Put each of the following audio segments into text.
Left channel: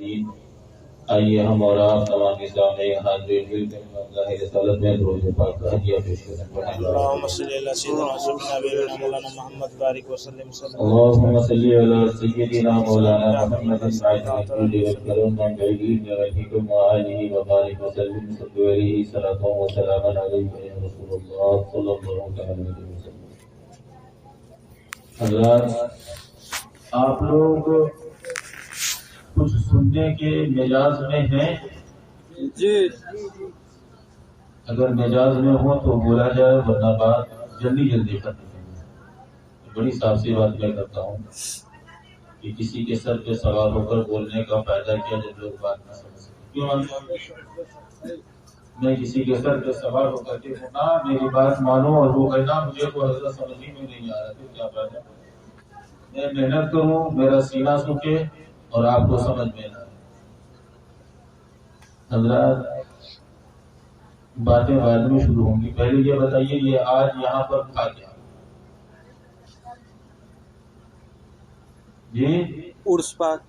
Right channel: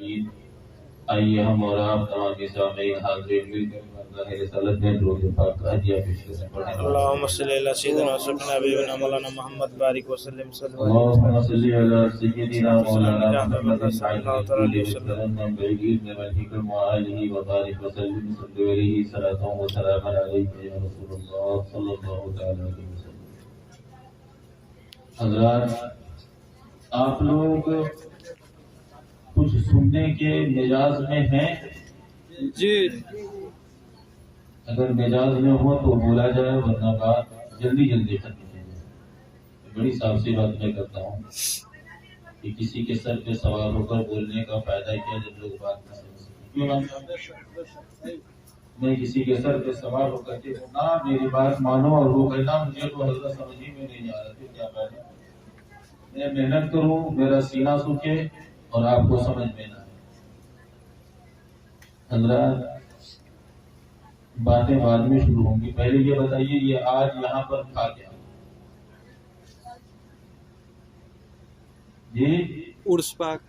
العالمین۔ آئیے ہم اور آپ تمام سامعین حاضرین مل کر اللہ رسالت میں درود پاک کا ہدیہ پیش کریں۔ اللهم صل على سيدنا وسيدنا حبيبنا مولانا محمد بارك وسلم اللهم صل على سيدنا مولانا محمد سعيد الكل والكرم والعلم والحكم وآله وبارك وسلم صلوا عليه صلاة وسلاما عليك يا رسول الله صلى الله عليه وسلم۔ حضرات، آپ لوگ کچھ سننے کے مزاج میں ہیں؟ جی اگر مزاج میں ہو تو بولا جائے، ورنہ بات جلدی جلدی ختم ہے۔ بڑی صاف سی بات میں کرتا ہوں کہ کسی کے سر پہ سوار ہو کر بولنے کا فائدہ کیا جب لوگ بات نہ سمجھ سکیں۔ کیوں میں کسی کے سر پہ سوار ہو کر کے نہ میری بات مانو اور وہ کہنا مجھے تو حضرت سمجھ ہی میں نہیں آ رہا، کیا فائدہ؟ میں محنت کروں، میرا سینہ سوکھے اور آپ کو سمجھ میں نہ آئے۔ حضرات، باتیں بعد میں شروع ہوں گی، پہلے یہ بتائیے یہ آج یہاں پر تھا کیا؟ جی عرس پاک۔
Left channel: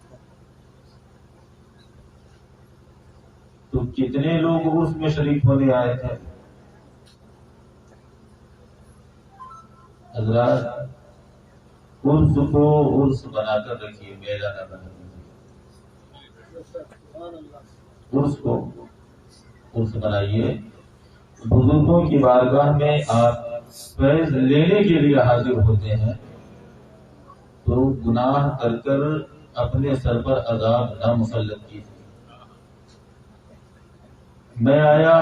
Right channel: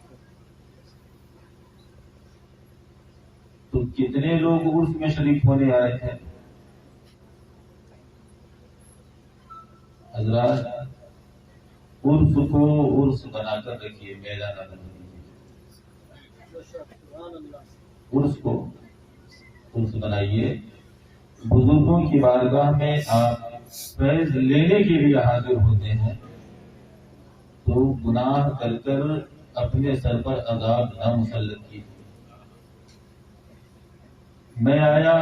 تو کتنے لوگ عرس میں شریک ہونے آئے تھے؟ حضرات، عرس کو عرس بنا کر رکھیے، میلہ نہ بنا دیجیے۔ عرس کو عرس بنائیے۔ بزرگوں کی بارگاہ میں آپ فیض لینے کے لیے حاضر ہوتے ہیں تو گناہ کر کر اپنے سر پر عذاب نہ مسلط کیجیے۔ میں آیا،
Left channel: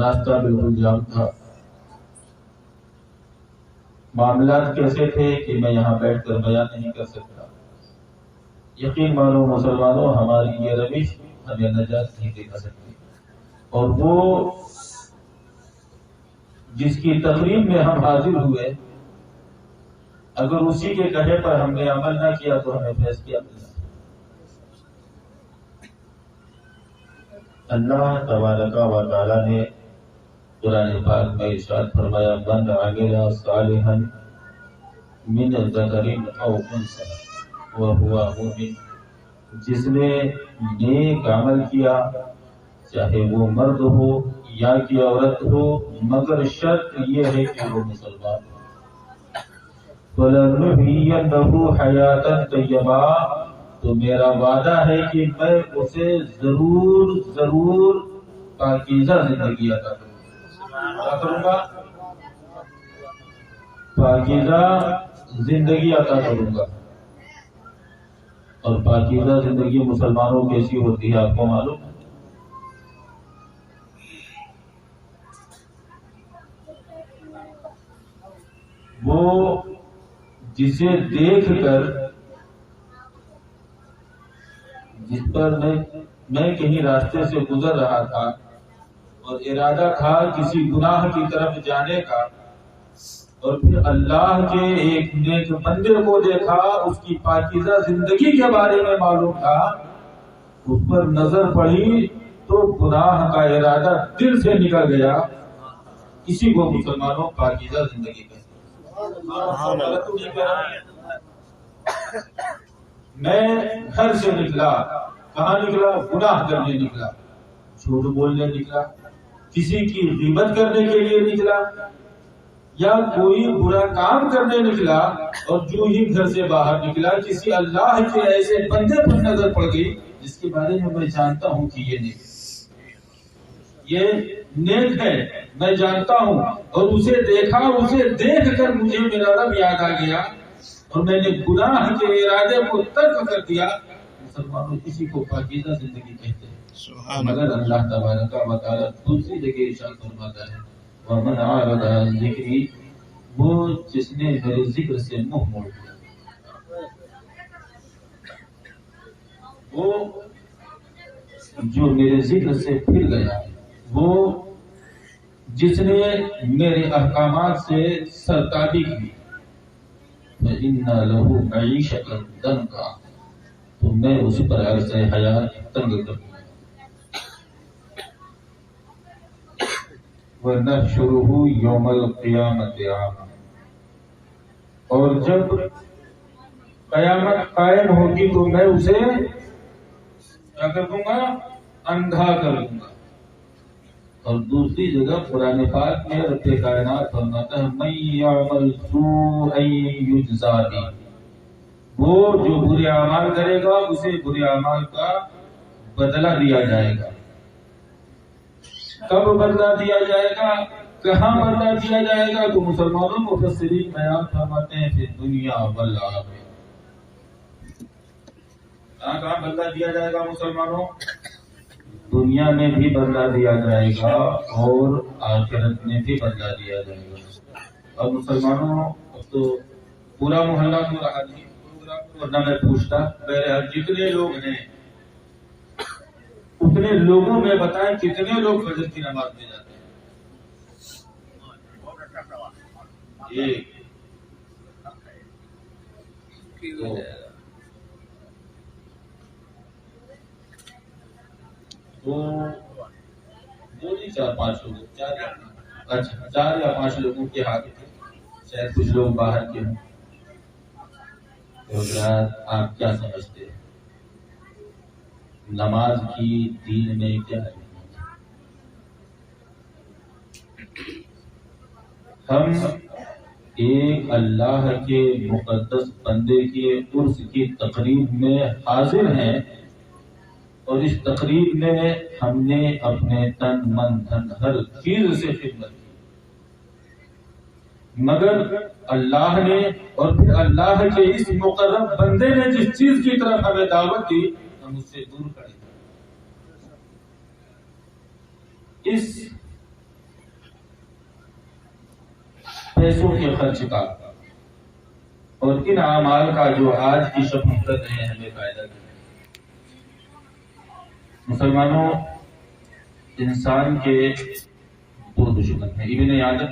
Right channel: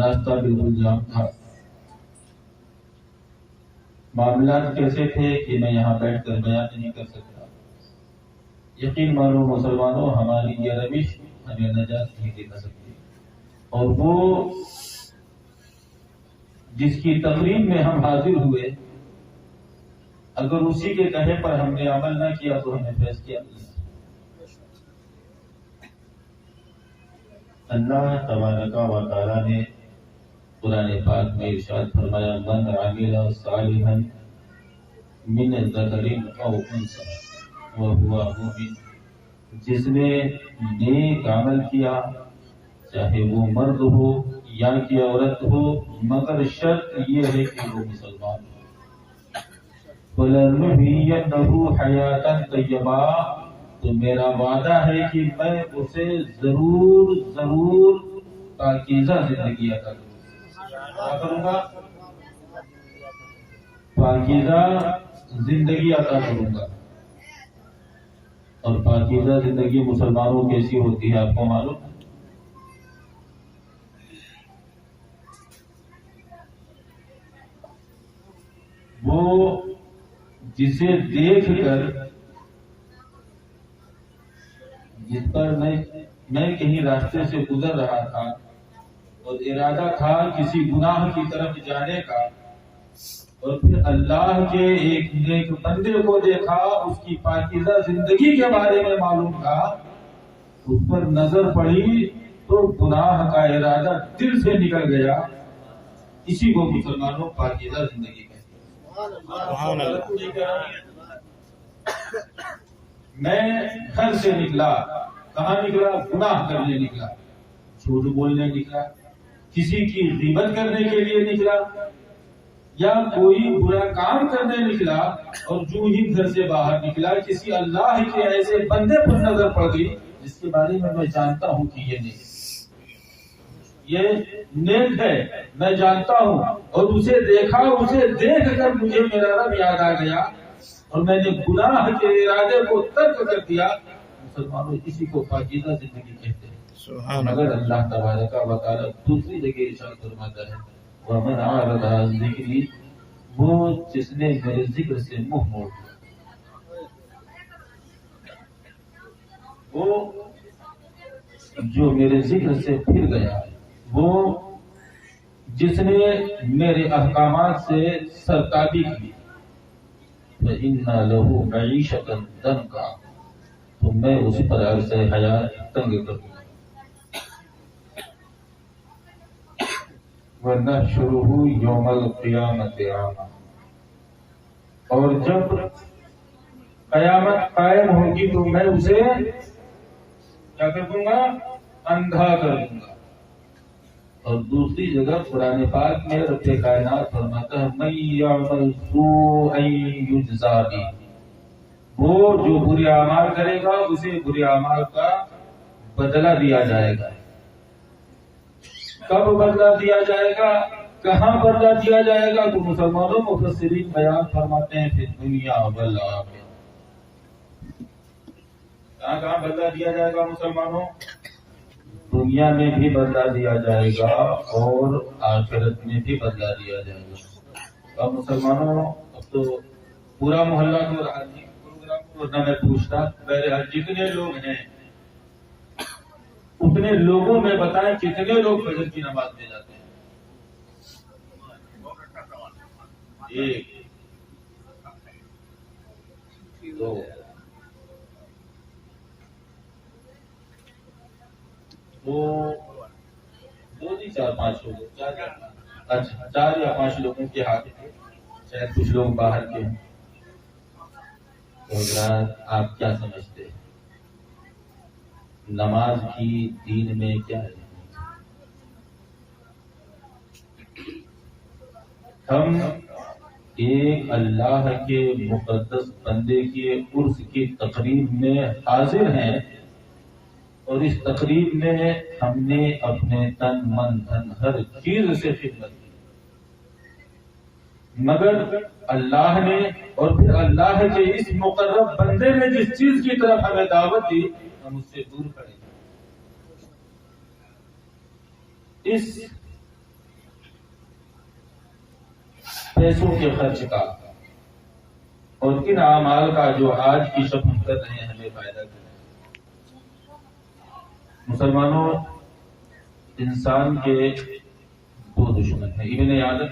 راستہ بالکل جام تھا، معاملات کیسے تھے کہ میں یہاں بیٹھ کر بیان نہیں کر سکتا۔ یقین مانو مسلمانوں، ہماری یہ روش ہمیں نجات نہیں دکھا سکتی، اور وہ جس کی تقریب میں ہم حاضر ہوئے، اگر اسی کے کہے پر ہم نے عمل نہ کیا تو ہمیں فیض کیا ملنا۔ اللہ تبارک و تعالی نے قرآن پاک میں ارشاد فرمایا، من عمل صالحا من ذکر او انثى وهو مؤمن، جس نے نیک عمل کیا، چاہے وہ مرد ہو یا کہ عورت ہو، مگر شرط یہ ہے کہ وہ مسلمان ہو۔ فَلَنُحْيِيَنَّهُ حَيَاةً طَيِّبَةً، تو میرا وعدہ ہے کہ میں اسے ضرور پاکیزہ زندگی عطا کروں گا۔ کیا کروں گا؟ پاکیزہ زندگی عطا کروں گا۔ اور پاکیزہ زندگی مسلمانوں کیسی ہوتی ہے آپ کو معلوم ہے؟ وہ جسے دیکھ کر، جس پر میں کہیں راستے سے گزر رہا تھا اور ارادہ تھا کسی گناہ کی طرف جانے کا، اور پھر اللہ کے ایک نیک بندے کو دیکھا، اس کی پاکیزہ زندگی کے بارے میں معلوم تھا، اس پر نظر پڑی تو گناہ کا ارادہ دل سے نکل گیا۔ اسی کو مسلمانوں پاکیزہ زندگی کہتے ہیں۔ میں گھر سے نکلا، کہاں نکلا؟ گناہ کرنے نکلا، جھوٹ بولنے نکلا، کسی کی غیبت کرنے کے لیے نکلا، یا کوئی برا کام کرنے نکلا، اور جو ہی گھر سے باہر نکلا کسی اللہ کے ایسے بندے پر نظر پڑ گئی جس کے بارے میں جانتا ہوں کہ یہ نیک ہے، میں جانتا ہوں، اور اسے دیکھا، اسے دیکھ کر مجھے میرا رب یاد آ گیا اور میں نے گناہ کے ارادے کو ترک کر دیا۔ مسلمانوں اسی کو پاکیزہ زندگی کہتے ہیں۔ مگر اللہ تبارک و تعالی دوسری جگہ ارشاد فرماتا ہے، وَمَنْ أَعْرَضَ عَنْ ذِكْرِي، وہ جس نے میرے ذکر سے منہ موڑ دیا، وہ جو میرے ذکر سے پھر گیا، وہ جس نے میرے احکامات سے سرتابی کی، فَإِنَّ لَهُ مَعِيشَةً ضَنْكًا، تو میں اس پر عرض حیات تنگ کروں گا۔ وَنَحْشُرُهُ يَوْمَ الْقِيَامَةِ أَعْمَى، اور جب قیامت قائم ہوگی تو میں اسے کیا کر دوں گا؟ اندھا کر دوں گا۔ اور دوسری جگہ قرآن پاک میں رب کائنات فرماتا ہے من یعمل سوءا یجزا بہ، وہ جو برے اعمال کرے گا اسے برے اعمال کا بدلہ دیا جائے گا۔ کب بدلہ دیا جائے گا؟ کہاں بدلہ دیا جائے گا؟ تو مسلمانوں مفسرین بیان فرماتے ہیں پھر دنیا والآخرہ۔ کہاں کہاں بدلہ دیا جائے گا مسلمانوں؟ دنیا میں بھی بدلہ دیا جائے گا اور آخرت میں بھی بدلہ دیا جائے گا۔ اب مسلمانوں اب تو پورا محلہ تو رہا نہیں پروگرام، ورنہ میں پوچھتا بہرحال جتنے لوگ ہیں اتنے لوگوں میں بتائیں کتنے لوگ فجر کی نماز میں جاتے ہیں؟ ایک دو دو نہیں 4-5 لوگ، اچھا 4 یا 5 لوگوں کے ہاتھ میں، شاید کچھ لوگ باہر کے ہیں۔ تو حضرات آپ کیا سمجھتے ہیں نماز کی دین میں کیا ہے؟ ہم ایک اللہ کے مقدس بندے کے عرس کی تقریب میں حاضر ہیں، اور اس تقریب میں ہم نے اپنے تن من دھن ہر چیز سے خدمت کی، مگر اللہ نے اور پھر اللہ کے اس مقرب بندے نے جس چیز کی طرف ہمیں دعوت دی ہم اس سے دور کھڑے۔ اس پیسوں کے خرچ کا اور ان اعمال کا جو آج کی شب کر رہے ہیں ہمیں فائدہ دے۔ مسلمانوں انسان کے 2 دشمن ہیں۔ ابن آدم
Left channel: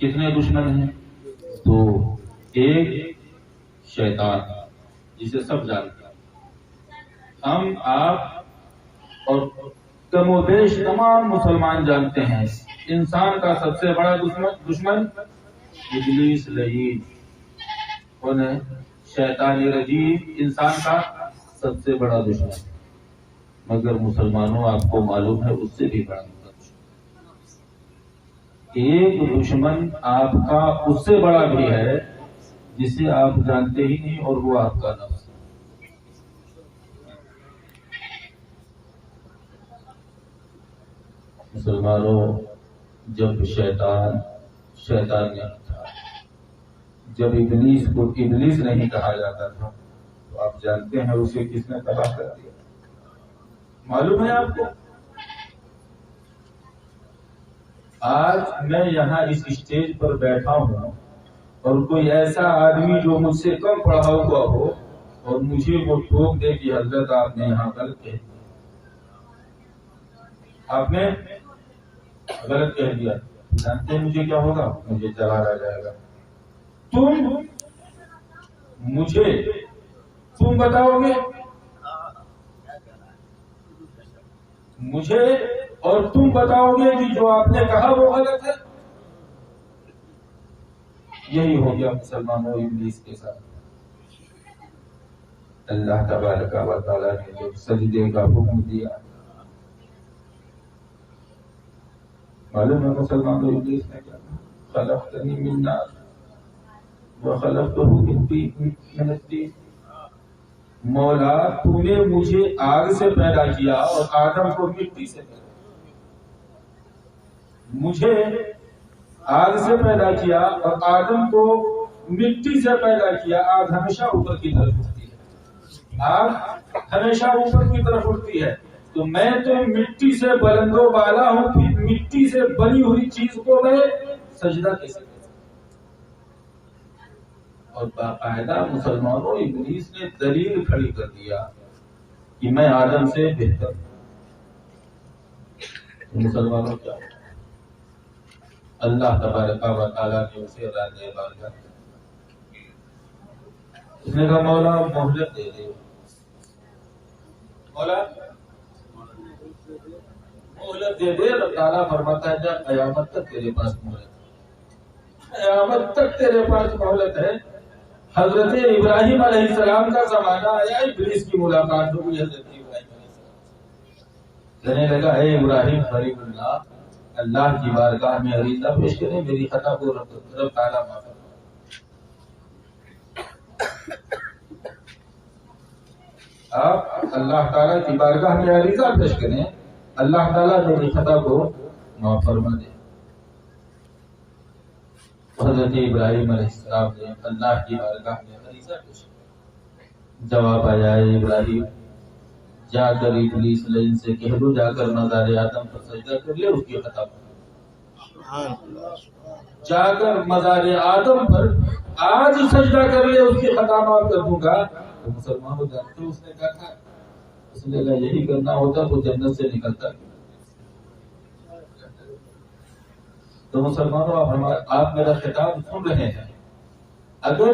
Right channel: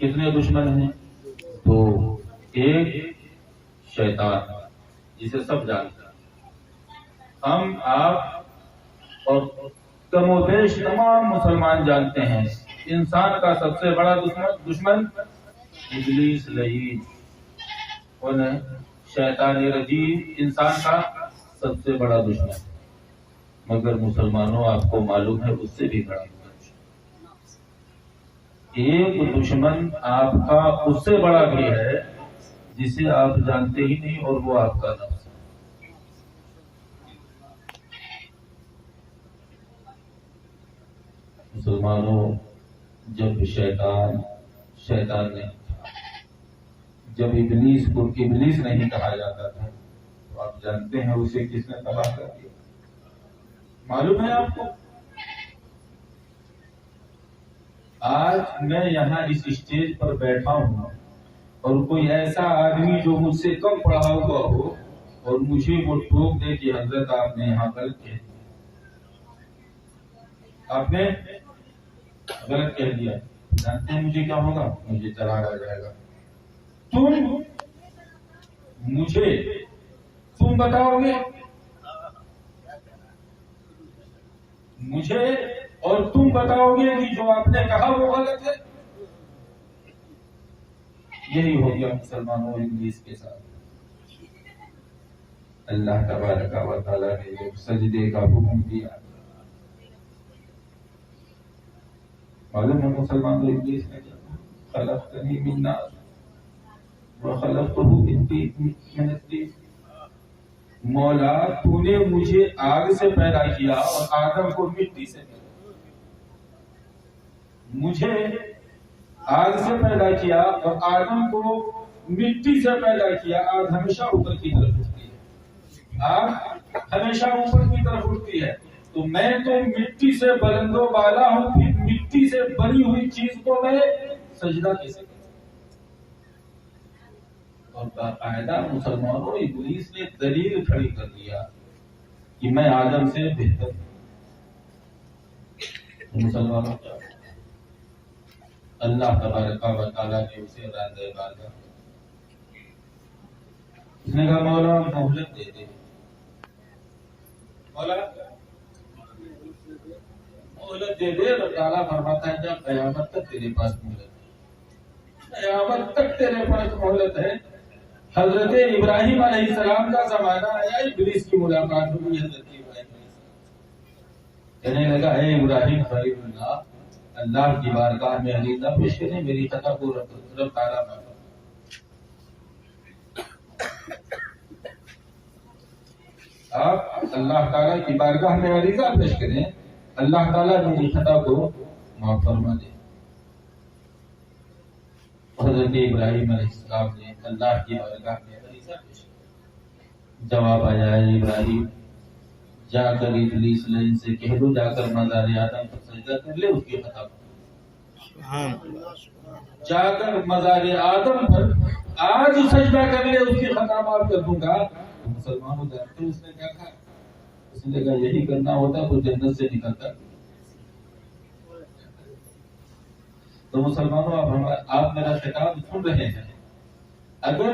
کتنے دشمن ہیں؟ 2۔ ایک شیطان جسے سب جانتے ہیں، ہم آپ اور کم و بیش تمام مسلمان جانتے ہیں انسان کا سب سے بڑا دشمن ابلیس لعین، کون ہے؟ شیطان رجیم انسان کا سب سے بڑا دشمن، مگر مسلمانوں آپ کو معلوم ہے اس سے بھی بڑا دشمن۔ ایک دشمن آپ کا اس سے بڑا بھی ہے جسے آپ جانتے ہی نہیں، اور وہ آپ کا نفس ہے۔ مسلمانوں جب شیطان نہیں تھا، جب ابلیس کو ابلیس نہیں کہا جاتا تھا، تو آپ جانتے ہیں اسے کس نے تباہ کر دیا؟ معلوم ہے آپ کو؟ آج میں یہاں اس اسٹیج پر بیٹھا ہوں اور کوئی ایسا آدمی جو مجھ سے کم پڑھا ہوا ہو اور مجھے وہ ٹوک دے کہ حضرت آپ نے یہاں غلط کہہ دیا، آپ نے غلط کہہ دیا، جانتے ہیں مجھے کیا ہوگا؟ مجھے جلال آ جائے گا۔ تم بتاؤ گے مجھے اور تم بتاؤ گے کہ جو آپ نے کہا وہ غلط ہے۔ یہی ہو گیا مسلمانوں ابلیس کے ساتھ۔ اللہ تبارک و تعالیٰ نے جب سجدے کا حکم دیا، معلوم ہے مسلمانوں ابلیس نے کیا؟ خلقتنی من نار وخلقتہ من طین، مولا تو نے مجھے آگ سے پیدا کیا اور آدم کو مٹی سے پیدا کیا۔ مجھے آگ سے پیدا کیا اور آدم کو مٹی سے پیدا کیا۔ آگ ہمیشہ اوپر کی طرف اٹھتی ہے، آگ ہمیشہ اوپر کی طرف اٹھتی ہے، تو میں تو مٹی سے بلند و بالا ہوں، پھر مٹی سے بنی ہوئی چیز کو میں سجدہ کیسے کروں؟ اور باقاعدہ مسلمانوں ابلیس نے دلیل کھڑی کر دیا کہ میں آدم سے بہتر ہوں۔ مسلمانوں کیا ہوا؟ اللہ تبارک و تعالیٰ نے اسے راضی بارگاہ کیا۔ اس نے کہا مولا مہلت دے دے، مولا مہلت دے دے۔ اللہ تعالیٰ فرماتا ہے جب قیامت تک تیرے پاس مہلت ہے، قیامت تک تیرے پاس مہلت ہے، حضرت ابراہیم علیہ السلام کا زمانہ آیا، ابلیس کی ملاقات ہوئی حضرت ابراہیم علیہ السلام، کہنے لگا اے ابراہیم خلیل اللہ کی بارگاہ میں عریضہ پیش کریں، میری خطا کو رب تعالیٰ معاف کرے۔ آپ اللہ تعالیٰ کی بارگاہ میں عریضہ پیش کریں، اللہ تعالیٰ میری خطا کو معاف فرما دے۔ حضرت ابراہیم علیہ السلام نے اللہ کی بارگاہ میں عریضہ پیش کیا، جواب آیا اے ابراہیم جا کر ابلیس لعین سے کہہ دو جا کر مزار آدم پر سجدہ کر لے، اس کی خطا جا کر مزار آدم پر آج سجدہ کر لے، اس کی خطا معاف کر دوں گا۔ تو مسلمان ہو جانتے ہیں اس نے کیا کہا، اس نے کہا یہی کرنا ہوتا تو جنت سے نکلتا۔ تو مسلمانوں آپ میرا خطاب سن رہے ہیں، اگر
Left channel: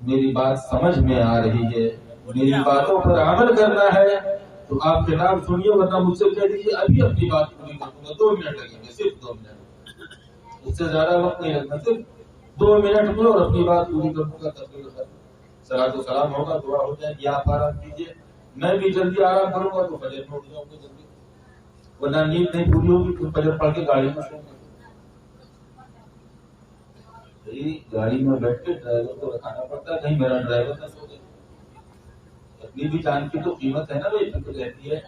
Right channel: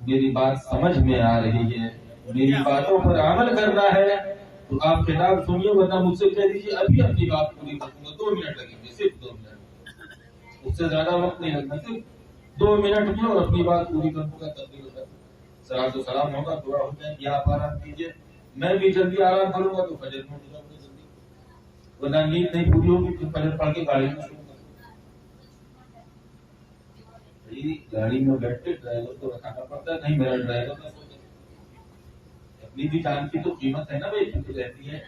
میری بات سمجھ میں آ رہی ہے، میری باتوں پر عمل کرنا ہے تو آپ خطاب سنیے، ورنہ مجھ سے کہہ دیجیے ابھی اپنی بات پوری کر دوں گا، 2 منٹ لگیں گے، صرف 2 منٹ، اس سے زیادہ وقت نہیں لگنا، صرف 2 منٹ میں اور اپنی بات پوری کر دوں گا۔ تقریر صلاۃ و سلام ہوگا، دعا ہو جائے گی، آپ آرام کیجیے، میں بھی جلدی آرام کروں گا تو فجر میں اٹھ جاؤں گا جلدی، ورنہ نیند نہیں پوری ہوگی تو فجر پڑھ کے گاڑی میں سوں گا۔ گاڑی میں بیٹھ کے ڈرائیور کو رکھانا پڑتا ہے، کہیں میرا ڈرائیور نہ سو جائے۔ اپنی بھی جان کی تو قیمت ہے نا بھائی، فکر رہتی ہے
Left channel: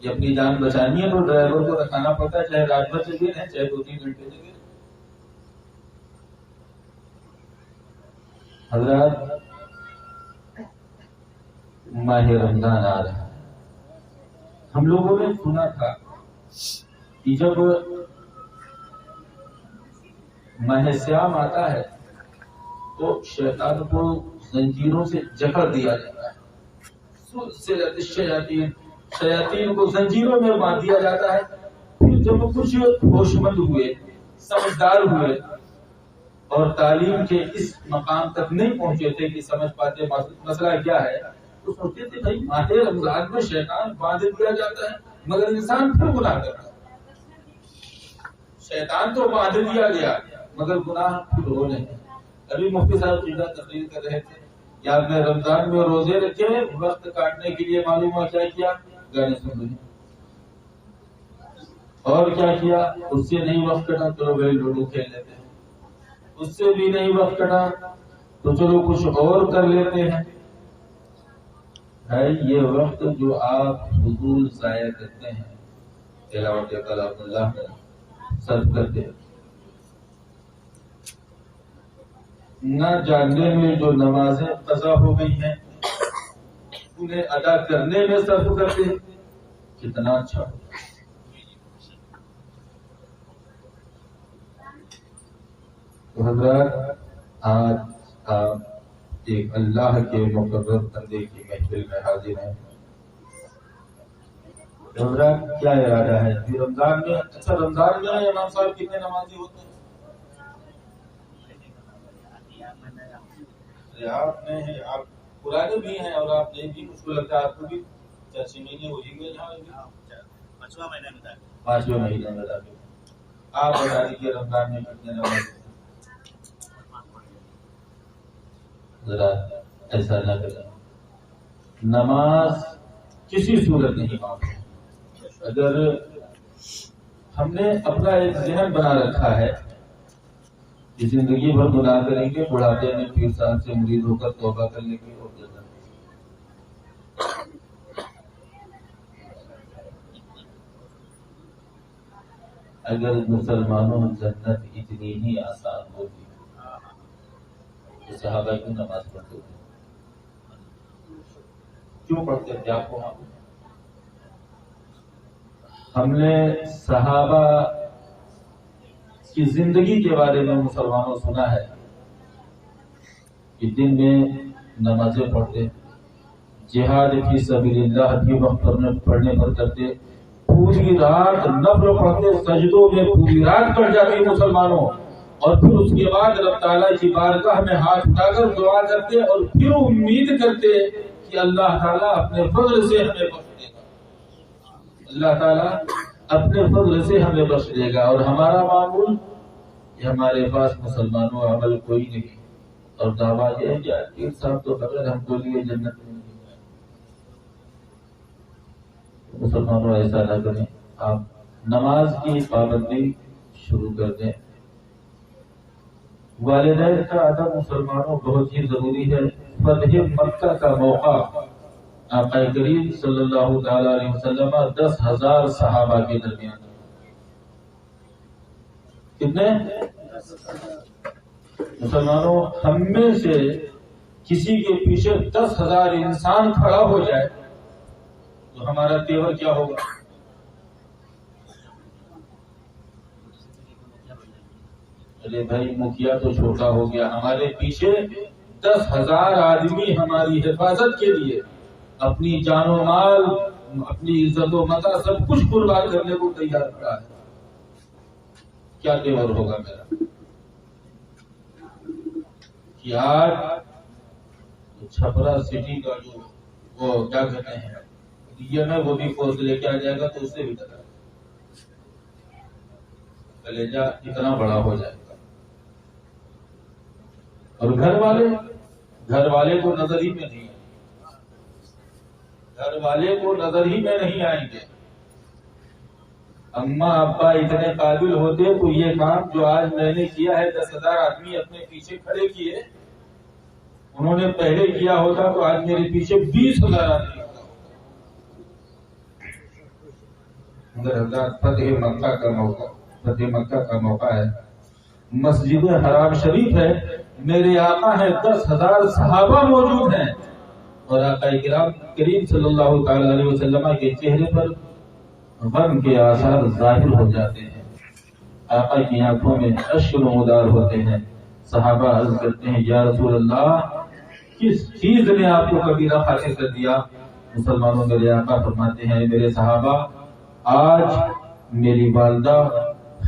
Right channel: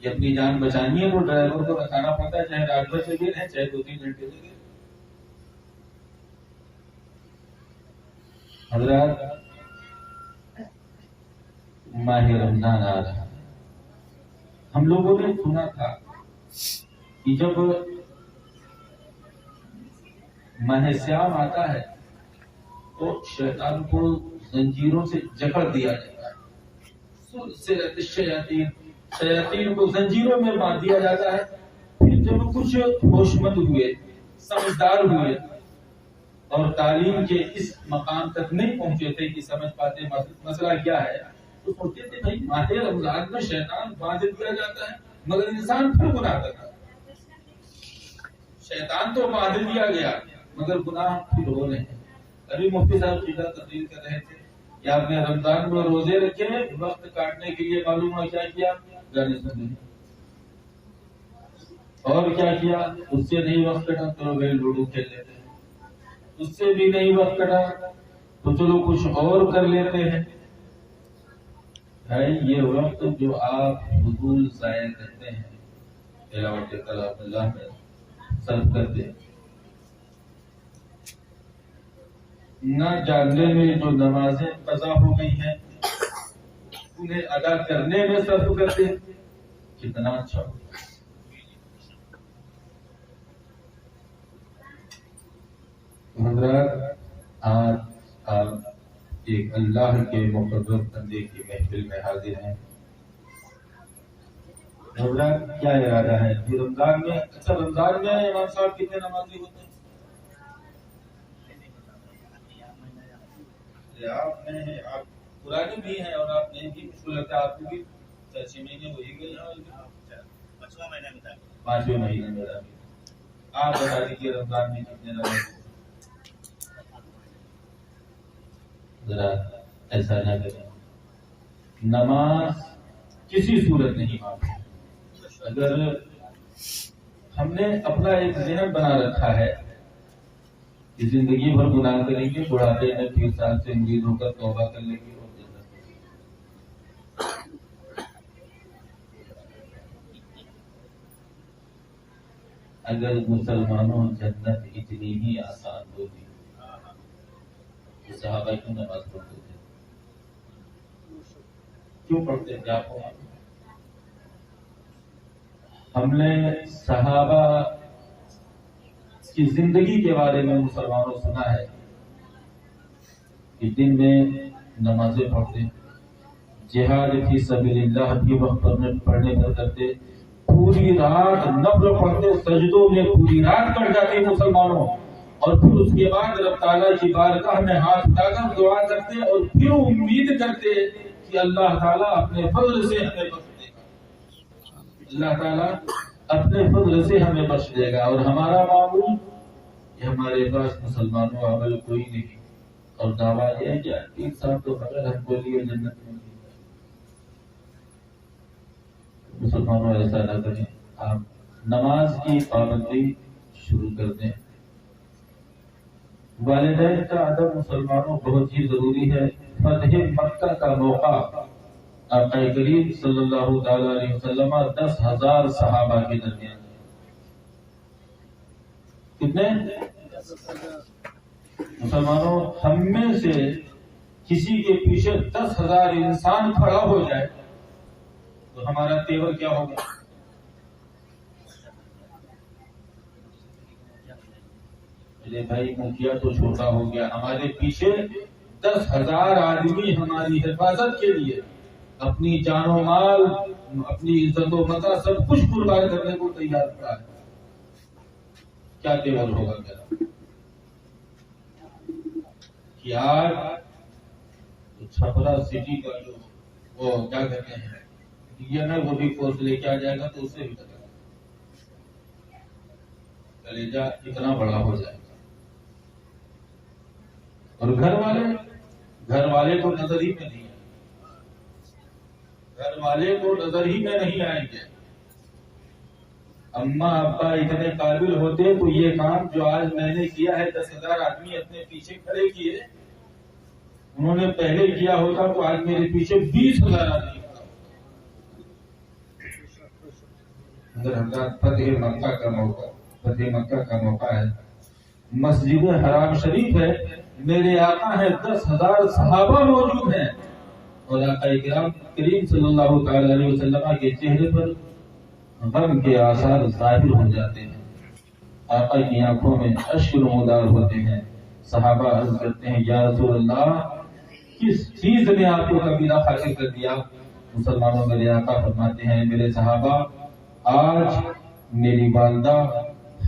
کہ اپنی جان بچانی ہے تو ڈرائیور کو رکھانا پڑتا ہے، چاہے رات بھر جگہ رہے چاہے 2-3 گھنٹے جگہ۔ حضرات ماہ رمضان آ رہا ہے، ہم لوگوں نے سنا تھا کہ جب ماہ سیام آتا ہے تو شیطان کو زنجیروں سے جکڑ دیا جاتا ہے، شیاطین کو زنجیروں میں باندھ دیا جاتا ہے۔ پھر جب کچھ ہوش مند ہوئے، سمجھدار ہوئے اور تعلیم کے اس مقام تک نہیں پہنچے تھے کہ سمجھ پاتے مسئلہ کیا ہے، تو سوچتے تھے بھائی ماہ رمضان میں شیطان باندھ دیا جاتا ہے مگر انسان پھر گناہ کرتا ہے، شیطان تو باندھ دیا گیا مگر گناہ پھر ہو نہیں۔ ابھی مفتی صاحب قبلہ تقریر کر رہے تھے کہ آپ نے رمضان میں روزے رکھے، وقت کاٹنے کے لیے معلوم ہوا کیا کیا، گانے سن رہے، اور کیا کیا، اس سے نہیں وقت کٹا تو گئے لوڈو کھیل لیتے ہیں، اس سے بھی نہیں وقت کٹا تو چلو کچھ اور کر لیتے ہیں۔ ہے یہ وقت جو آپ فضول ضائع کرتے ہیں، تلاوت کلام اللہ میں صرف کرتے ہیں، نہ جاننے میں جو نمازیں قضا ہو گئی ہیں انہیں ادا کرنے میں صرف کرتے ہیں، کتنا اچھا ہو۔ تو حضرات آج آپ ایک اللہ کے مقرر بندے کی محفل میں حاضر ہیں، حضرات کیا ارادہ ہے ابھی رمضان میں؟ اچھا رمضان میں امام صاحب کتنے نمازی ہوتے ہیں؟ آپ میں ہیں، آپ پرانے بھی ہیں اور آپ نئے بھی، مجھ کو لگتا ہے آپ کو بھی 6 مہینے ہو ہی گئے، 5ویں مہینے میں داخل۔ آپ بتا دیجیے رمضان میں کتنے نماز؟ ذرا ایسا نہ کریں، نماز کسی صورت نہیں معاف۔ اگر ہم نے اپنا ایک ذہن بنا رکھا ہے کہ زندگی بھر گناہ کریں گے، بڑھاپے میں پیر صاحب سے مرید ہو کر توبہ کر لیں گے اور جنت۔ اگر مسلمانوں جنت اتنی ہی آسان ہوتی تو صحابہ کیوں نماز پڑھتے تھے؟ کیوں پڑھتے تھے؟ آپ کو ہم نے صحابہ کی زندگی کے بارے میں مسلمانوں سنا ہے کہ دن میں نمازیں پڑھتے، جہاد فی سبیل اللہ بھی وقت پڑھنے پر کرتے، پوری رات نفل پڑھتے، سجدوں میں پوری رات کٹ جاتی مسلمانوں، اور پھر اس کے بعد رب تعالیٰ کی بارگاہ میں ہاتھ اٹھا کر دعا کرتے اور پھر امید کرتے کہ اللہ تعالیٰ اپنے فضل سے ہمیں بخش دے گا، اللہ تعالیٰ اپنے فضل سے ہمیں بخش دے گا۔ اور ہمارا معمول کہ ہمارے پاس مسلمانوں عمل کوئی نہیں، اور دعویٰ یہ کہ پیر صاحب تو بغیر ہم کو لیے جنت میں نہیں جائے۔ مسلمانوں ایسا نہ کریں، آپ نماز کی پابندی شروع کر دیں۔ والدین کا ادب مسلمانوں بہت ہی ضروری ہے۔ فتح مکہ کا موقع آقا کریم صلی اللہ تعالی علیہ وسلم 10,000 صحابہ کے درمیان، کتنے مسلمانوں؟ ہم میں سے کسی کے پیچھے 10,000 انسان کھڑا ہو جائے تو ہمارا تیور کیا ہوگا؟ ارے بھائی مکھیا تو چھوٹا ہو گیا، ہمارے پیچھے 10,000 آدمی ہماری حفاظت کے لیے اپنی جان و مال، اپنی عزت و متاع سب کچھ قربان کرنے کو تیار کھڑا ہے، کیا تیور ہوگا میرا؟ کہ آج چھپرا سٹی کا جو وہ کیا کہتے ہیں یہ میں وہ بھی فوج لے کے آ جائے گا تو اس سے بھی ڈرا کلیجہ اتنا بڑا ہو جائے گا۔ اور گھر والے کو نظر ہی میں نہیں آئیں گے، گھر والے کو نظر ہی میں نہیں آئیں گے۔ اماں ابا اتنے قابل ہوتے تو یہ کام جو آج میں نے کیا ہے 10,000 آدمی اپنے پیچھے کھڑے کیے، انہوں نے پہلے کیا ہوتا تو آج میرے پیچھے 20,000 آدمی کھڑا ہوتا۔ مگر حضرات فتح مکہ کا موقع ہے، مسجد حرام شریف ہے، میرے آقا ہیں، 10,000 صحابہ موجود ہیں، اور آقا کریم صلی اللہ تعالی علیہ وسلم کے چہرے پر غم کے آثار ظاہر ہو جاتے ہیں، آقا کی آنکھوں میں اشک نمودار ہوتے ہیں۔ صحابہ عرض کرتے ہیں یا رسول اللہ کس چیز نے آپ کو کبیرہ خاطر کر دیا؟ مسلمانوں میرے آقا فرماتے ہیں میرے صحابہ آج میری والدہ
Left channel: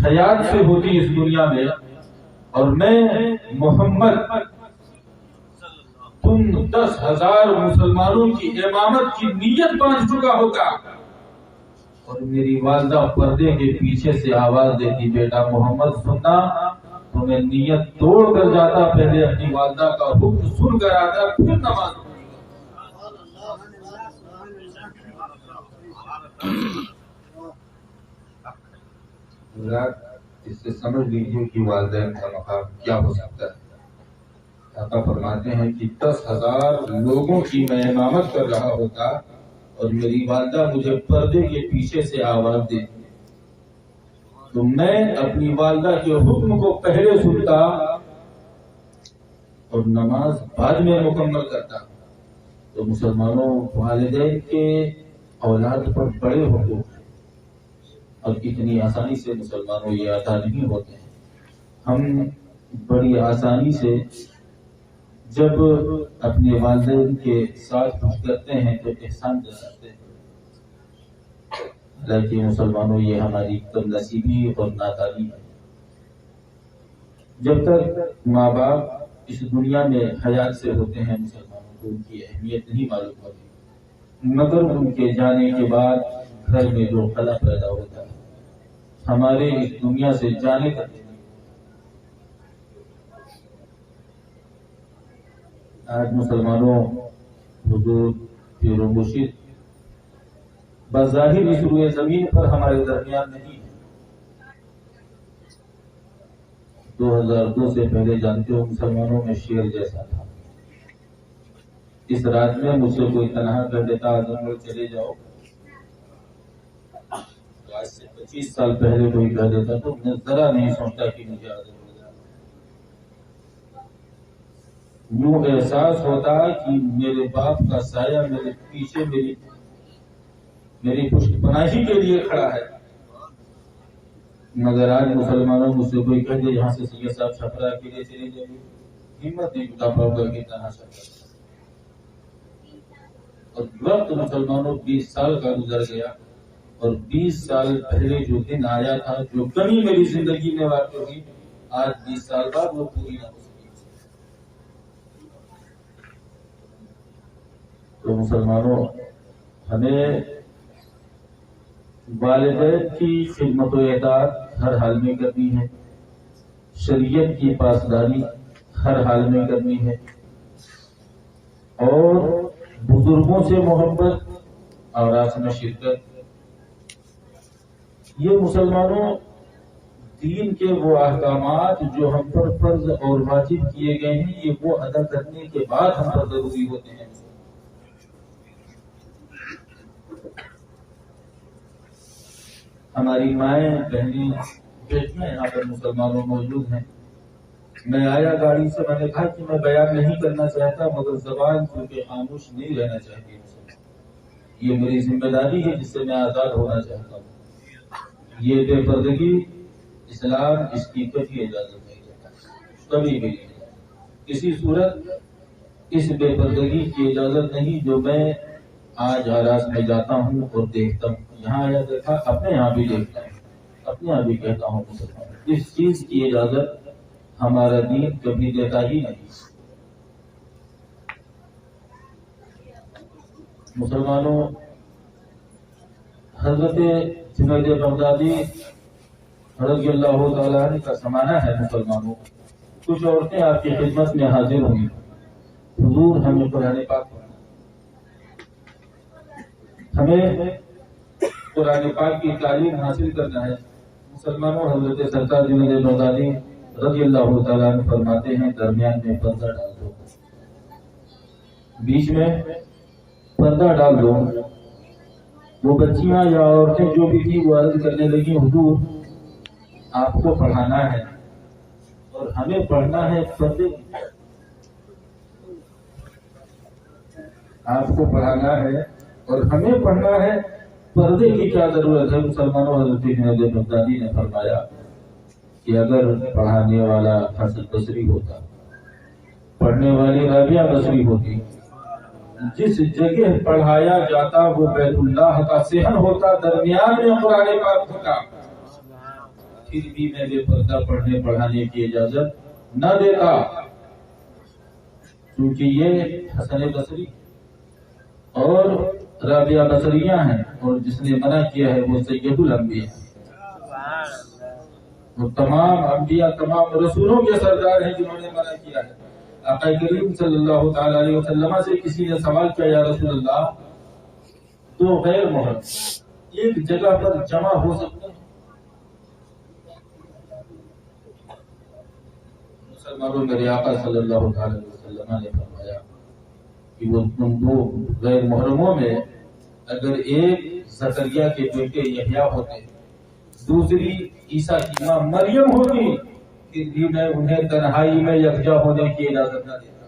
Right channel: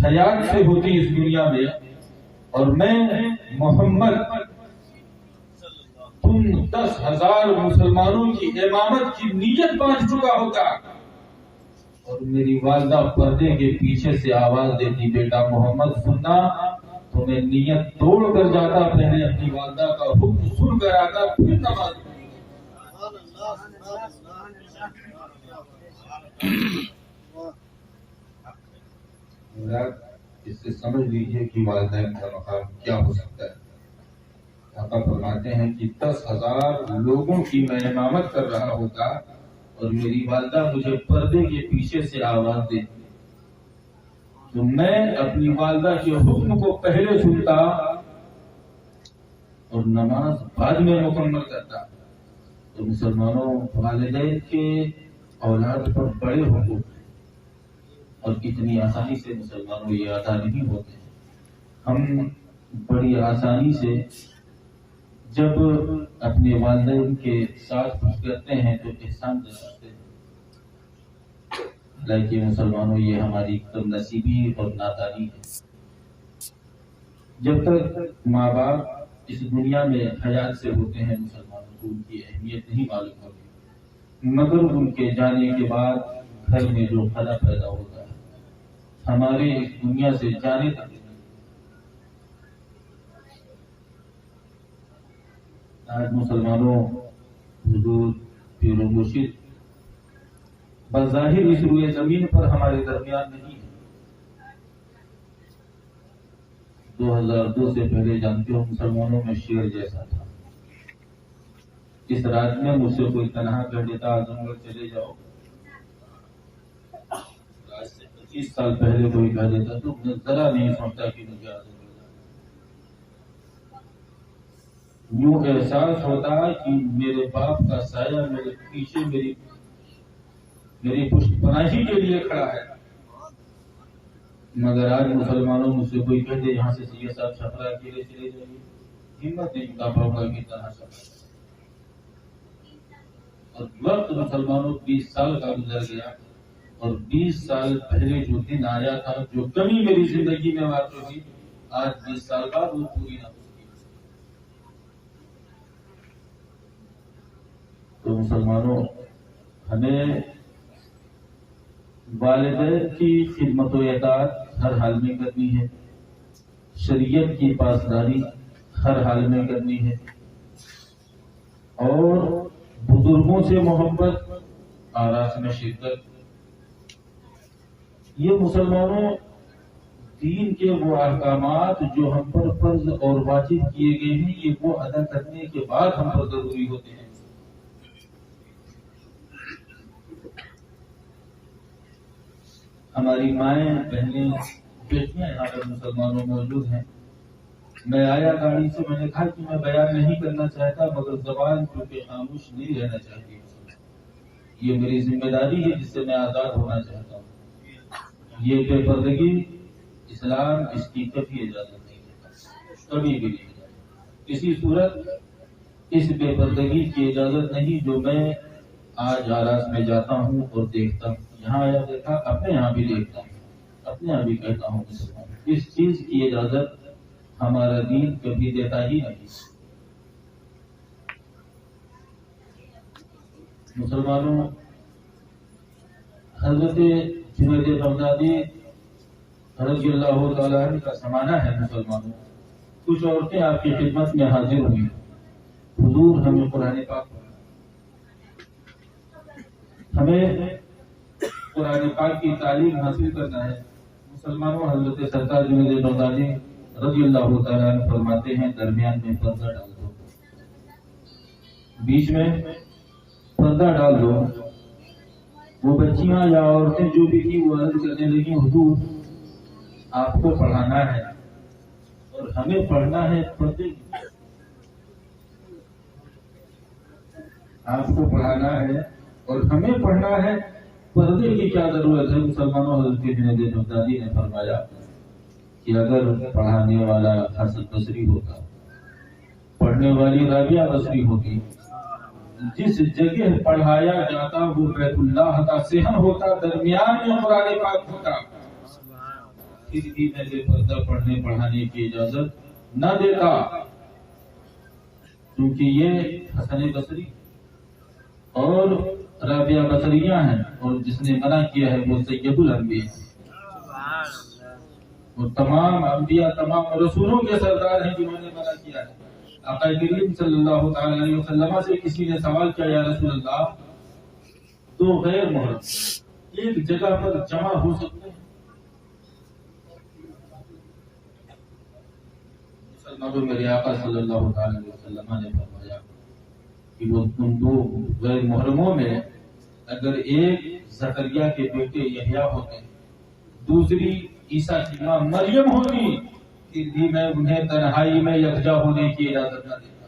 حیات سے ہوتی اس دنیا میں اور میں محمد تم 10,000 مسلمانوں کی امامت کی نیت باندھ چکا ہوگا، اور میری والدہ پردے کے پیچھے سے آواز دیتی بیٹا محمد سننا، تو میں نیت توڑ کر جاتا، پہلے اپنی والدہ کا حکم سن کر آتا پھر نماز اس سے سمجھ لیجئے کہ والدین کا مقام کیا ہو سکتا ہے۔ آقا فرماتے ہیں کہ 10,000 لوگوں کی میں امامت کر رہا ہوتا اور میری والدہ مجھے پردے کے پیچھے سے آواز دیتی تو میں اپنی والدہ کے حکم کو پہلے سنتا اور نماز بعد میں مکمل کرتا۔ تو مسلمانوں والدین کے اولاد پر بڑے حقوق ہیں اور اتنی آسانی سے مسلمانوں یہ عطا نہیں ہوتے ہیں۔ ہم بڑی آسانی سے جب اپنے والدین کے ساتھ کچھ کرتے ہیں تو احسان جتاتے ہیں، حالانکہ مسلمانوں یہ ہماری کم نصیبی اور نادانی ہے۔ جب تک ماں باپ اس دنیا میں حیات سے ہوتے ہیں مسلمانوں کو ان کی اہمیت نہیں معلوم ہوتی، مگر ان کے جانے کے بعد گھر میں جو خلا پیدا ہوتا ہے ہمارے اس دنیا سے جانے تک آج مسلمانوں حضور پیر و مرشد بظاہر اس روئے زمین پر ہمارے درمیان نہیں ہے۔ 2002 سے پہلے جانتے ہو مسلمانوں میں شیر جیسا تھا، اس رات میں مجھ سے کوئی تنہا کر دیتا اعظم گڑھ چلے جاؤ، آج سے 25 سال پہلے کوئی کہہ دیتا تو میں ذرا نہیں سوچتا کہ مجھے اعظم گڑھ جانا۔ یوں احساس ہوتا کہ میرے باپ کا سایہ میرے پیچھے میری پشت پناہی کے لیے کھڑا ہے۔ مگر آج مسلمانوں مجھ سے کوئی کہہ دے یہاں سے سید صاحب چھپرا کے لیے چلے جائیے، ہمت نہیں جتا پاؤں گا کہ تنہا سفر۔ اور وقت مسلمانوں 20 سال کا گزر گیا اور 20 سال پہلے جو دن آیا تھا، جو کمی میری زندگی میں واقع ہوئی، آج 20 سال بعد وہ پوری نہ ہو سکی۔ تو مسلمانوں ہمیں والدین کی خدمت و اطاعت ہر حال میں کرنی ہے، شریعت کی پاسداری ہر حال میں کرنی ہے، اور بزرگوں سے محبت، آراس میں شرکت. یہ مسلمانوں دین کے وہ احکامات جو ہم پر فرض اور واجب کیے گئے ہیں، یہ وہ ادا کرنے کے بعد ہم پر ضروری ہوتے ہیں. ہماری مائیں، بہنیں، بیٹیاں یہاں پر مسلمانوں موجود ہیں. میں آیا گاڑی سے، میں نے کہا کہ میں بیان نہیں کرنا چاہتا، مگر زبان کیونکہ خاموش نہیں رہنا چاہیے. یہ میری ذمہ داری ہے جس سے میں آزاد ہونا چاہتا ہوں. یہ بے پردگی اسلام اس کی کبھی اجازت نہیں دیتا، کبھی بھی نہیں دیتا. کسی صورت اس بے پردگی کی اجازت نہیں جو میں آج آراس میں جاتا ہوں اور دیکھتا ہوں. یہاں آیا دیکھا، اپنے یہاں بھی دیکھتا ہوں، اپنے یہاں بھی کہتا ہوں مسلمان، اس چیز کی اجازت ہمارا دین کبھی دیتا ہی نہیں. مسلمانوں، حضرت جنید بغدادی رضی اللہ تعالیٰ عنہ کا زمانہ ہے. مسلمانوں، کچھ عورتیں آپ کی خدمت میں حاضر ہوئی. حضور ہمیں قرآن پاک کی تعلیم حاصل کرنا ہے. مسلمانوں، حضرت سرکار جنید بغدادی رضی اللہ تعالیٰ عنہ فرماتے ہیں درمیان میں پردہ ڈال دو، بیچ میں پردہ ڈال دو. وہ بچیاں یا عورتیں جو بھی تھی وہ عرض کرنے لگی، حضور آپ کو پڑھانا ہے اور ہمیں پڑھنا ہے پردے، آپ کو پڑھانا ہے اور ہمیں پڑھنا ہے، پردے کی کیا ضرورت ہے؟ مسلمانوں، حضرت جنید بغدادی نے فرمایا کہ اگر پڑھانے والا حسن بصری ہوتا، پڑھنے والی رابعہ بصری ہوتی، جس جگہ پڑھایا جاتا وہ بیت اللہ کا صحن ہوتا، درمیان میں قرآن پاک ہوتا، پھر بھی میں بے پردہ پڑھنے پڑھانے کی اجازت نہ دیتا، کیونکہ یہ حسن بصری اور رابعہ بصریہ ہیں، اور جس نے منع کیا ہے وہ سید الانبیاء، وہ تمام انبیاء، تمام رسولوں کے سردار ہیں جنہوں نے منع کیا ہے. آقا کریم صلی اللہ تعالی علیہ وسلم سے کسی نے سوال کیا، یا رسول اللہ، تو غیر محرم ایک جگہ پر جمع ہو سکتے ہیں؟ مسلمانوں، میرے آقا صلی اللہ تعالی علیہ وسلم نے فرمایا کہ وہ تم دو غیر محرموں میں اگر ایک زکریا کے بیٹے یحییٰ ہوتے، دوسری عیسیٰ کی ماں مریم ہوتی، پھر بھی میں انہیں تنہائی میں یکجا ہونے کی اجازت نہ دیتا.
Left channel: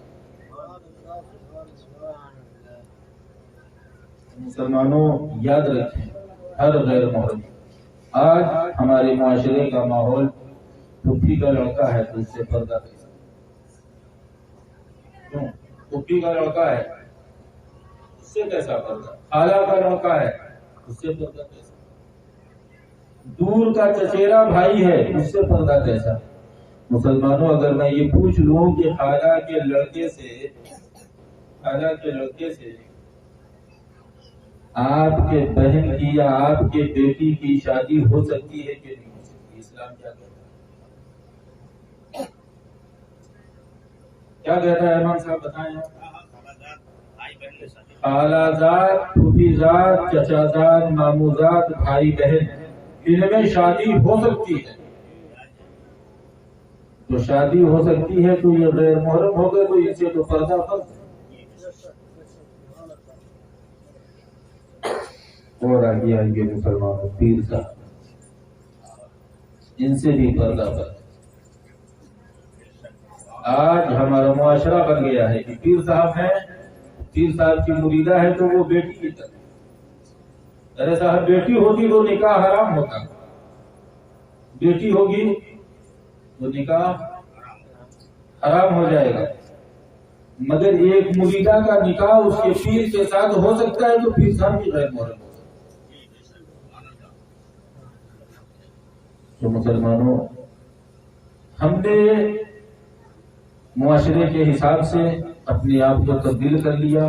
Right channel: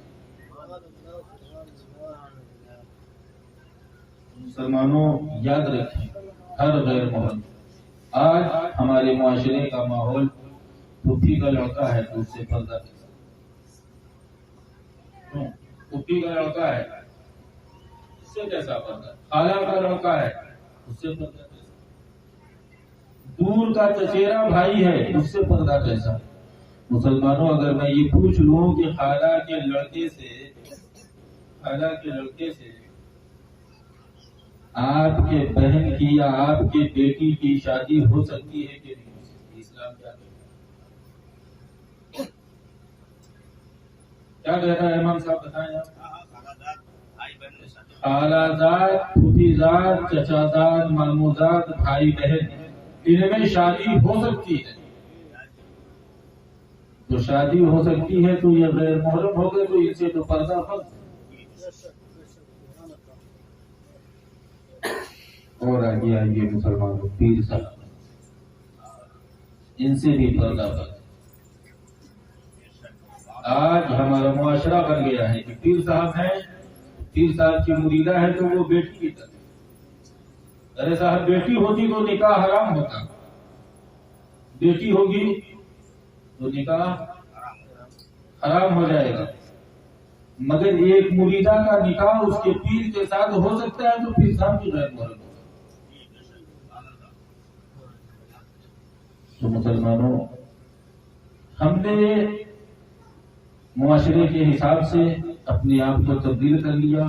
مسلمانوں، یاد رکھیں، ہر غیر محرم، آج ہمارے معاشرے کا ماحول پھپھی کا لڑکا ہے تو اس سے پردہ کیسا؟ کیوں؟ پھپھی کا لڑکا ہے اس سے کیسا پردہ؟ خالہ کا لڑکا ہے اس سے پردہ کیسا؟ دور کا چچیرا بھائی ہے اس سے پردہ کیسا؟ مسلمانوں، اگر میں یہ پوچھ لوں کہ خالہ کے لڑکے سے آپ کے بہن کی یا آپ کے بیٹی کی شادی ہو سکتی ہے کہ نہیں ہو سکتی؟ اسلام کیا کہتا ہے؟ کیا کہتا ہے امام صاحب، بتائیں آپ. خالہ زاد، پھوپھی زاد، چچا زاد، مامو زاد، بھائی بہن، ان میں شادی ہو سکتی ہے. تو شادی ہو سکتی ہے تو یہ غیر محرم ہو گئے، تو ان سے تو پردہ فرض. اور آگے آئیے مسلمانوں، پیر صاحب، ان سے بھی پردہ فرض. آج ہمارا معاشرہ بن گیا ہے کہ پیر صاحب ہیں، پیر صاحب کی مریدہ ہے تو وہ بیٹی کی طرح. ارے صاحب، بیٹی ہوتی تو نکاح حرام ہوتا، بیٹی ہوگی تو نکاح حرام ہو جائے گا. مگر ایک مریدہ کا نکاح اس کے پیر کے ساتھ ہو سکتا ہے تو پیر صاحب بھی غیر محرم ہوگا. تو مسلمانوں، ہم نے معاشرے کے حساب سے اپنے آپ کو تبدیل کر لیا.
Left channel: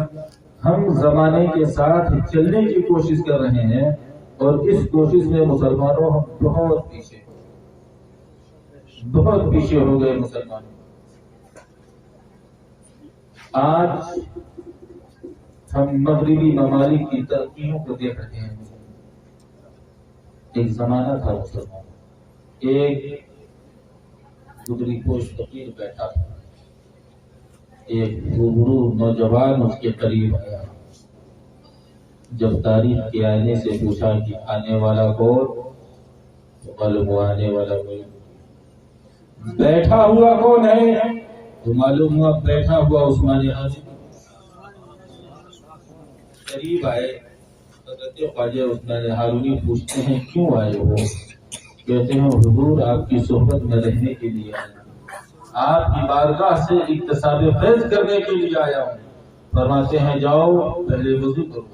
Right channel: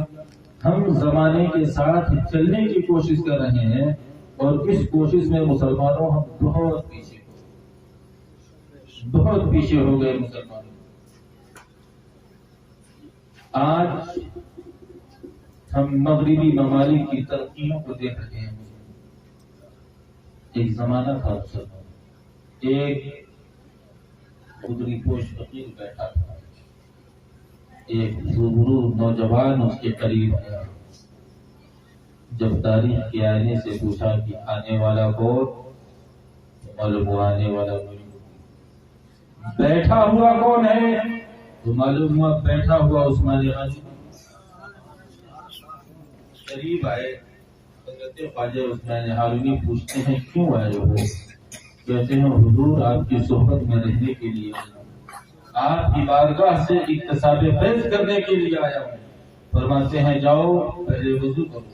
ہم زمانے کے ساتھ چلنے کی کوشش کر رہے ہیں، اور اس کوشش میں مسلمانوں ہم بہت پیچھے ہو گئے. مسلمانوں، آج ہم مغربی ممالک کی ترقیوں کو دیکھ رہے ہیں. ایک زمانہ تھا مسلمان، ایک خدری پوش فقیر بیٹھا تھا، ایک روبرو نوجوان اس کے قریب آیا. جب تاریخ کے آنے سے پوچھا کہ آنے والا کون، تو معلوم ہوا آنے والا کوئی. بیٹھا ہوا کون ہے، تو معلوم ہوا بیٹھا ہوا عثمان غنی. قریب آئے حضرت خواجہ عثمان ہارونی، پوچھتے ہیں کیوں آئے ہو؟ کہتے ہیں حضور آپ کی صحبت میں رہنے کے لیے آیا ہوں، آپ کی بارگاہ سے اکتساب فیض کرنے کے لیے آیا ہوں. فرماتے ہیں جاؤ پہلے وضو کرو،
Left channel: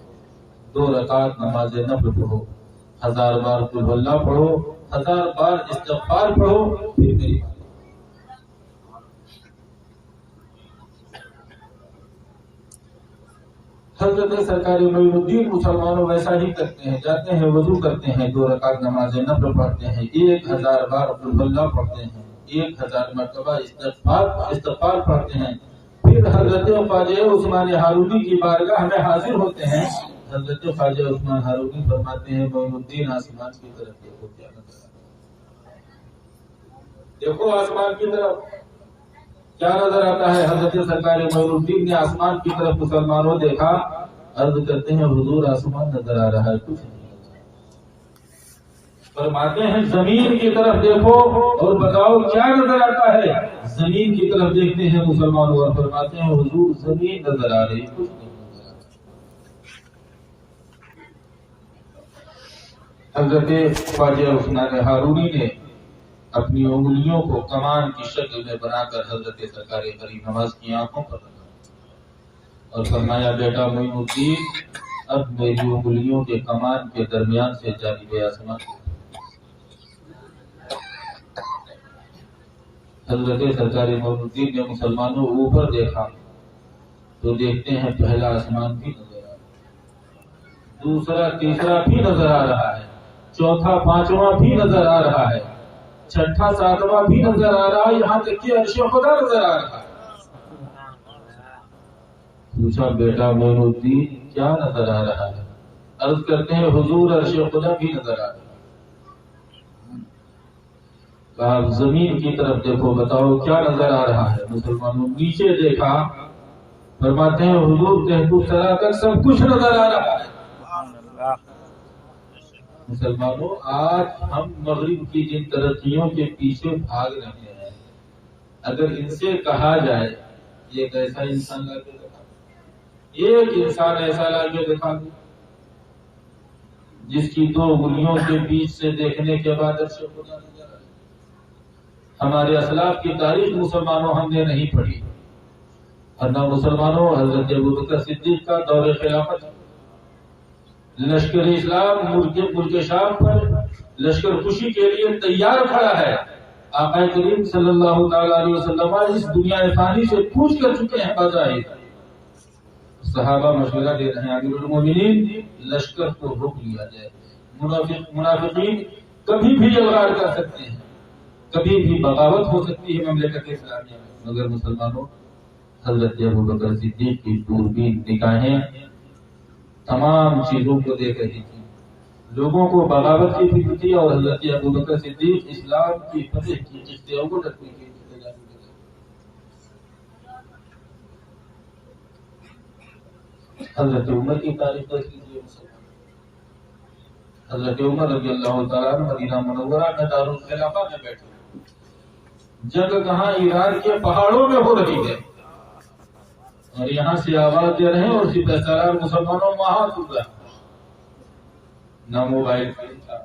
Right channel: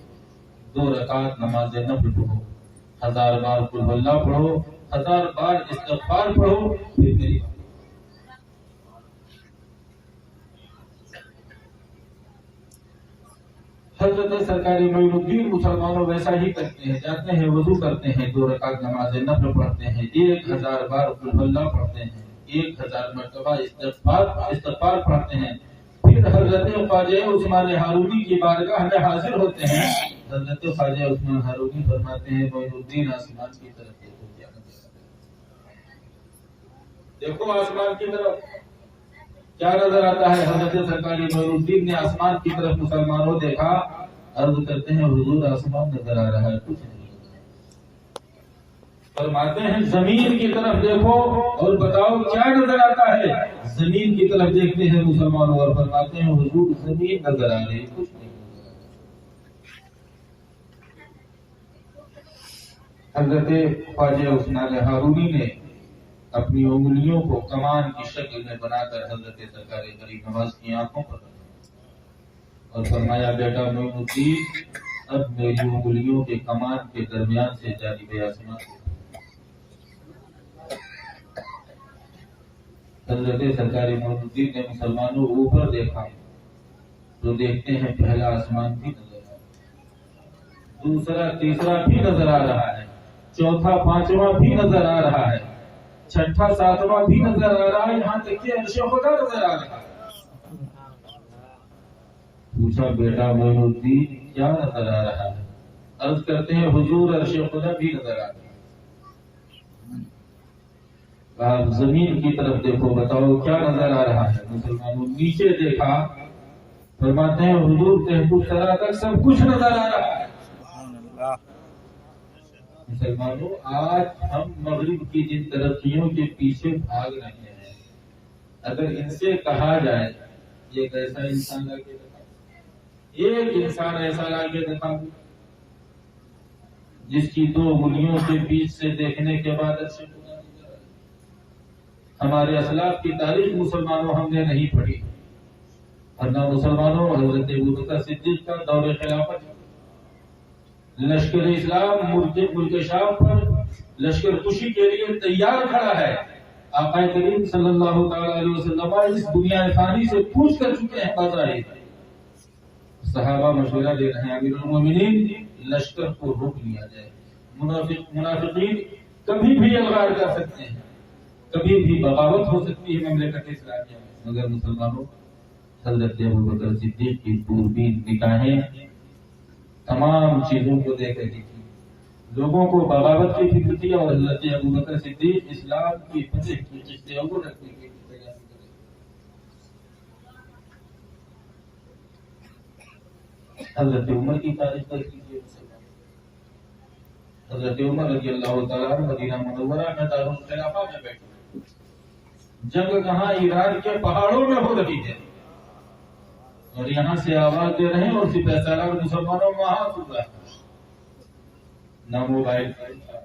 2 رکعت نماز نفل پڑھو، 1000 بار قل ہو اللہ پڑھو، 1000 بار استغفار پڑھو، پھر میری. حضرت سرکار معین الدین مسلمانوں ویسا ہی کرتے ہیں، جاتے ہیں وضو کرتے ہیں، 2 رکعت نماز نفل پڑھتے ہیں، 1000 بار قل ہو اللہ پڑھتے ہیں، 1000 مرتبہ استغفار پڑھتے ہیں. پھر حضرت خواجہ عثمان ہارونی کی بارگاہ میں حاضر ہوتے ہیں. حضرت خواجہ عثمان ہارونی فرماتے ہیں معین الدین آسمان کی طرف دیکھو کیا نظر آتا ہے، دیکھو آسمان کی طرف کیا نظر آتا ہے. حضرت سرکار معین الدین نے آسمان کی طرف مسلمانوں دیکھا، عرض کرتے ہیں حضور آسمان نظر آ رہا ہے، کچھ نہیں. فرماتے ہیں زمین کی طرف دیکھو اور بتاؤ کیا نظر آتا ہے. زمین کی طرف دیکھتے ہیں مسلمانوں اور فرماتے ہیں حضور زمین نظر آ رہی، کچھ نہیں. حضرت خواجہ عثمان ہارونی نے اپنی انگلیوں کو کمان کی شکل میں بنا کر حضرت سرکار غریب نواز کی آنکھوں پر رکھا اور فرمایا بیٹا معین الدین اب میری انگلیوں کے کمان کے درمیان سے جانب آسمان. حضرت سرکار معین الدین نے مسلمانوں اوپر دیکھا تو دیکھتے ہیں پہلا آسمان بھی نظر آ رہا ہے، دوسرا تیسرا بھی نظر آ رہا ہے، چوتھا پانچواں بھی نظر آ رہا ہے، چھٹا ساتواں بھی نظر آ رہا ہے، یہاں تک کہ عرش خدا نظر آ رہا ہے. پوچھا بیٹا معین الدین کیا نظر آ رہا ہے؟ عرض کرتے ہیں حضور عرش خدا بھی نظر آ رہا ہے. کہا زمین کی طرف دیکھو بتاؤ کیا نظر آ رہا ہے. مسلمانوں نیچے دیکھا، فرماتے ہیں حضور تحت سرا تک سب کچھ نظر آ رہا ہے. مسلمانوں آج ہم مغرب کی جن ترقیوں کے پیچھے بھاگ رہے ہیں، اگر ان سے کہا جائے ایک ایسا انسان لا کے دکھا، ایک انسان ایسا لا کے دکھا جس کی 2 انگلیوں کے بیچ سے دیکھنے کے بعد عرش خدا نظر آئے. ہمارے اسلاف کی تاریخ مسلمانوں ہم نے نہیں پڑھی، ورنہ مسلمانوں حضرت ابوبکر صدیق کا دور خلافت، لشکر اسلام ملک شام پر لشکر کشی کے لیے تیار کھڑا ہے. آقا کریم صلی اللہ تعالی علیہ وسلم اس دنیا فانی سے پوچھ کر چکے ہیں بظاہر. صحابہ مشورہ دے رہے ہیں امیر المومنین لشکر کو روک لیا جائے، منافقین کبھی بھی الغار کر سکتے ہیں، کبھی بھی بغاوت ہو سکتی ہے مملکت اسلامیہ میں. مگر مسلمانوں حضرت ابوبکر صدیق کی دوربین نگاہیں تمام چیزوں کو دیکھ رہی تھی. لوگوں کو بغاوت کی فکر تھی اور حضرت ابوبکر صدیق اسلام کی فتح کی قصے کو رکھنے کے لیے تیار تھے. حضرت عمر کی تاریخ دیکھ لیجیے. حضرت عمر رضی اللہ تعالیٰ مدینہ منورہ میں دارالخلافہ میں بیٹھے، جنگ کہاں ایران کے پہاڑوں میں ہو رہی ہے اور یہاں سے آواز دے رہے ہیں اور سپہ سالار مسلمانوں وہاں گر رہا. نہ موبائل تھا،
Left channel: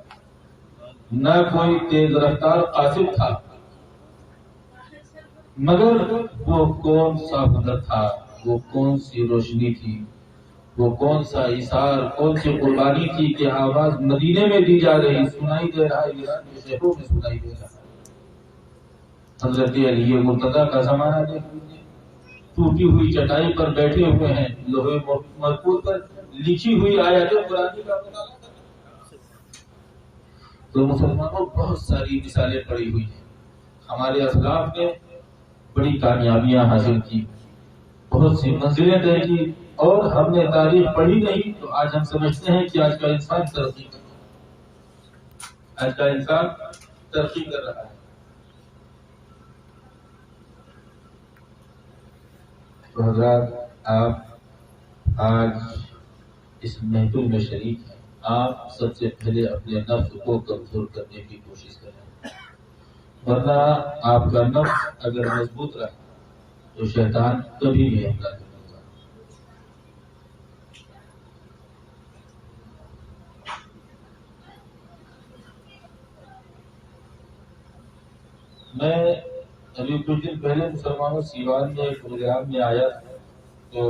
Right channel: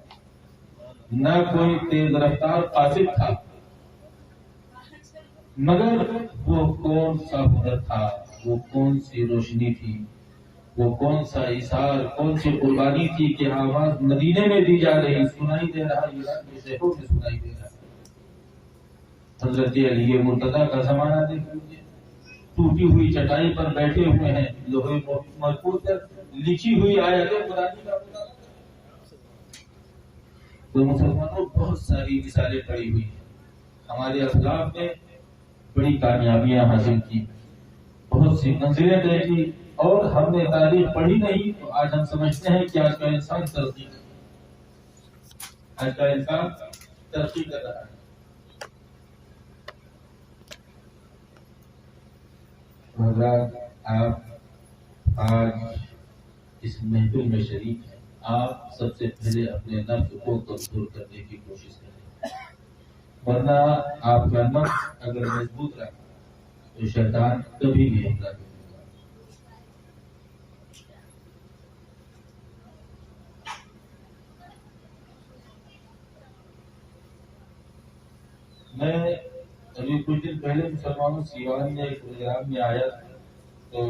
نہ کوئی تیز رفتار قاصد تھا، مگر وہ کون سا ہنر تھا، وہ کون سی روشنی تھی، وہ کون سا ایثار، کون سی قربانی تھی کہ آواز مدینے میں دی جا رہی، سنائی دے رہا ایران کے شہروں میں سنائی دے رہا. حضرت علی مرتضیٰ کا زمانہ دیکھ لیجیے، ٹوٹی ہوئی چٹائی پر بیٹھے ہوئے ہیں، لوہے محفوظ پر لکھی ہوئی آیات قرآن کا مطالعہ. تو مسلمانوں بہت ساری مثالیں پڑی ہوئی ہیں. ہمارے اسلاف نے بڑی کامیابیاں حاصل کی، بہت سی منزلیں طے کی، اور ہم نے تاریخ پڑھی نہیں تو آج ہم سمجھتے ہیں کہ آج کا انسان ترقی کر رہا ہے، آج کا انسان ترقی کر رہا ہے۔ تو حضرات، آپ آج اس محفل میں شریک ہیں، آپ سب سے پہلے اپنے نفس کو کنٹرول کرنے کی کوشش کریں، ورنہ آپ کا نفس اگر مضبوط رہا تو شیطان کبھی بھی حملہ نہیں ہوگا۔ میں ابھی کچھ دن پہلے مسلمانوں سیوان میں ایک پروگرام میں آیا، تو